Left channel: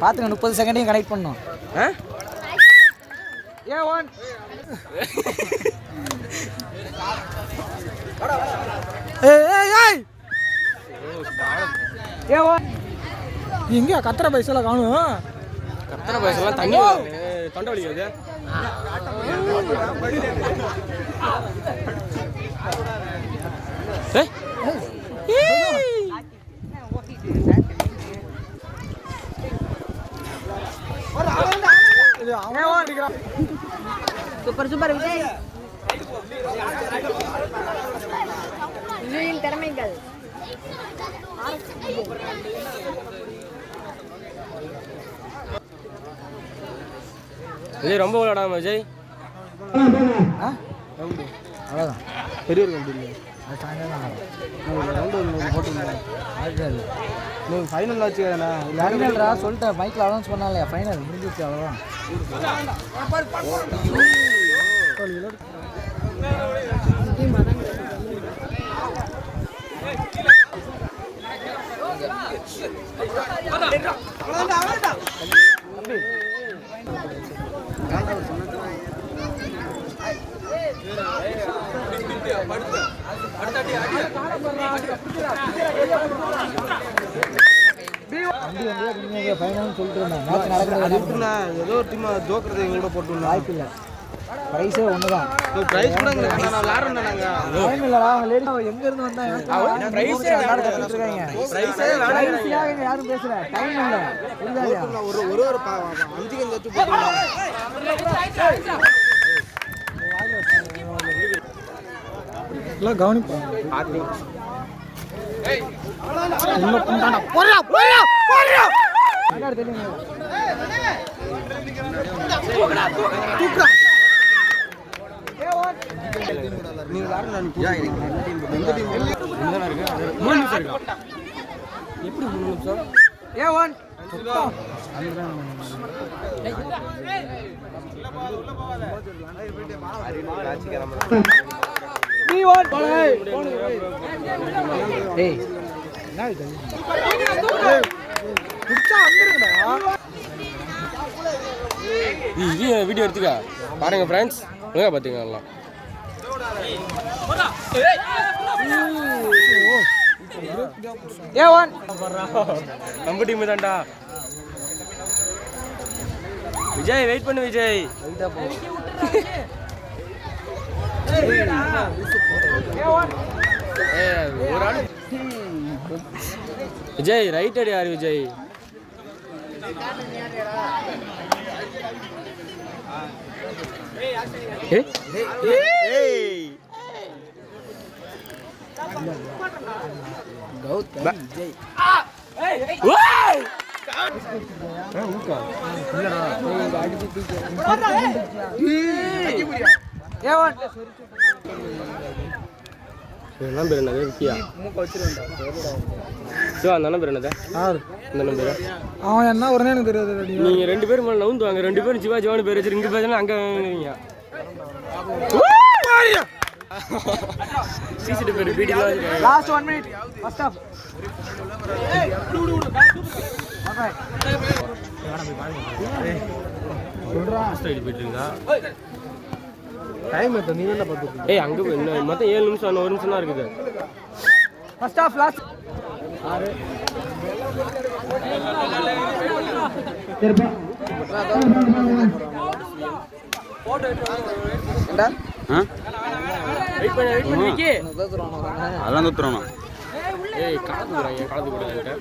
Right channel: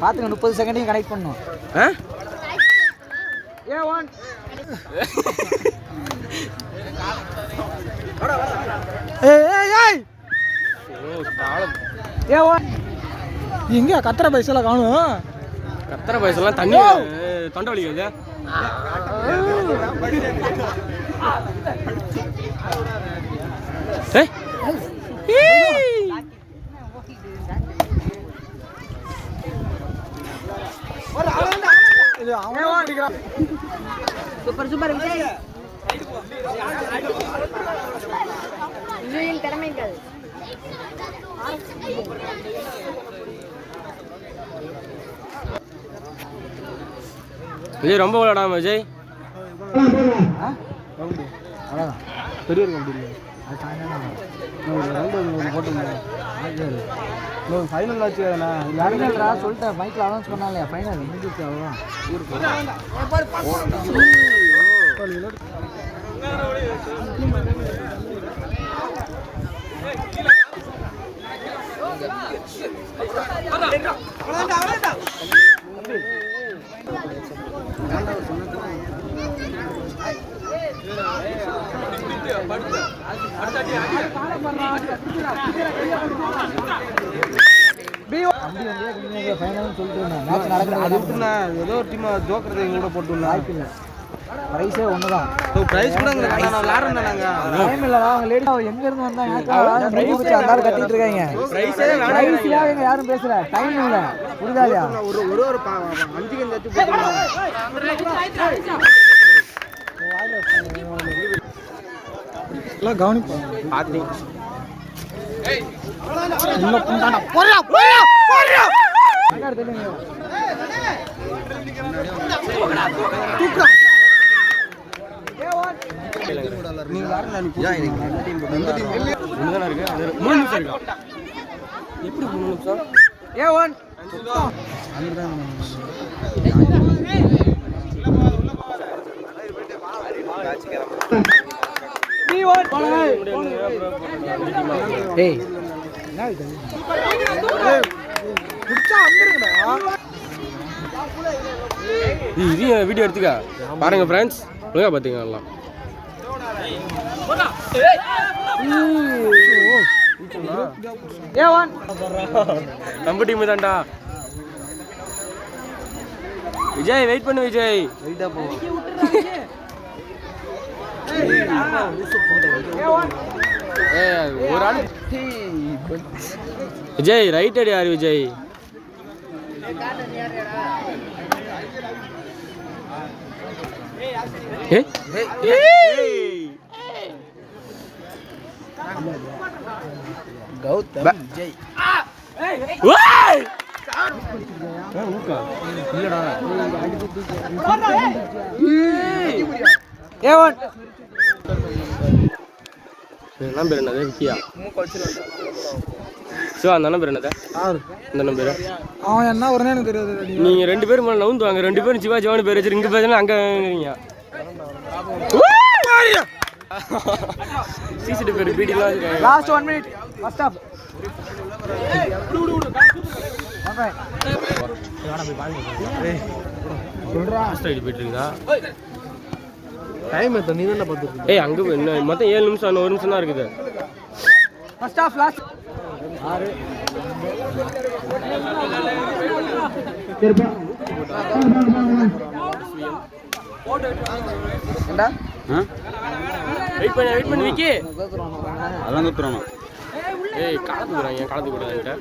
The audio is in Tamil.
பார்த்துங்க முப்பது செகண்டையும் கனெக்ட் பண்ணும் எங்க கத்திர பைசல காணும். கத்திர பைசெல்லாம் தண்ணி தொண்டை வலிக்குது. ஏய்! இது அவனும் பிடிக்கிறான். Super super Vijay. விஜயின் திறமைகள். விஜய் ரொம்ப விளையாடாம விஜய். பெரிய இருக்க முடியல அது இன்னும் ஃபைனல் ஆச்சு தானே ஃபைனல்ரா சொல்லிட்டேன் மைக்கில் அனௌன்ஸ் பண்ணாலே ஃபைனல் முடிஞ்சிச்சு அவ்வளோதான் வண்டி ஃபைனல்னு சொல்லிட்டு இருந்தேன் அது விட்டுண்ணா ஏதோ ஒரு டீமா ஜோக்கர் எங்க கூட போட்டுருந்தா வாய்ப்பு இல்லை ப்ரைஸே ஒன்று தான் டைம் இல்லடா அவங்க லேடி எங்க இருந்து வந்தாங்க பிரைஸ் எல்லாரும் கட்டிட்டு இருக்காங்க. பிரைஸ்லாம் எங்க யாரும் பேசல. டைம் இல்ல. புரியுதா இல்லையா? ஒரு ஒரு அஞ்சு உள்ள புண்டாடா போறியா போறியா நீங்க தெரியுங்க எந்த மூணு நிமிஷம் இருக்கா எப்படி மூணு நிமிஷம் ஏ ஒன் நீ ஒன் ஏய் என்ன இது புடிச்சா வந்துருங்கடா. இது வீடியோ எடுத்துக்க? பாருங்க ஃப்ரெண்ட்ஸ் ஒழுங்கா பார்த்துங்க எல்லாம் ஏ நம்ம டீம் தான்டா. விஜய் வெயிட் பண்ணு விஜய். வெயிட்டா போ ஏய், ஒரு ஆள் விஜய் ரைட் அடி யாரு விஜய் கௌதம் விஜய் ஏ ஒன் என்ன பேர் என்னது? விக்கியா சிவா அந்த அண்ணன் பேர் என்னது? யாரு? இந்த அண்ணன் பேர். அவன் என்ன வரும்னு எனக்கு தெரியாது நீங்க ரெண்டு பேரும் மேல நவுந்து வாங்க. ரெண்டு பேரும் சிவா சிவானு பேர் வச்சு இங்க பேசுனா அங்க பீடிலாம் வச்சுருக்காங்க last one minute first half போயிட்டு இருக்கா? டைம் எத்தனை நீ தான் பார்த்துட்டு ஏய் அங்க இன்னும் மொத்தம் ஏழு நிமிஷம் ஒரு நிமிஷம் தான் இருக்குது ஃபர்ஸ்ட் ஆஃப் லாஸ்ட் வெயிட் பண்ண வெயிட் பண்ணி விக்கி. அதான் ஏய் காலத்துக்கு என் காலத்துக்கு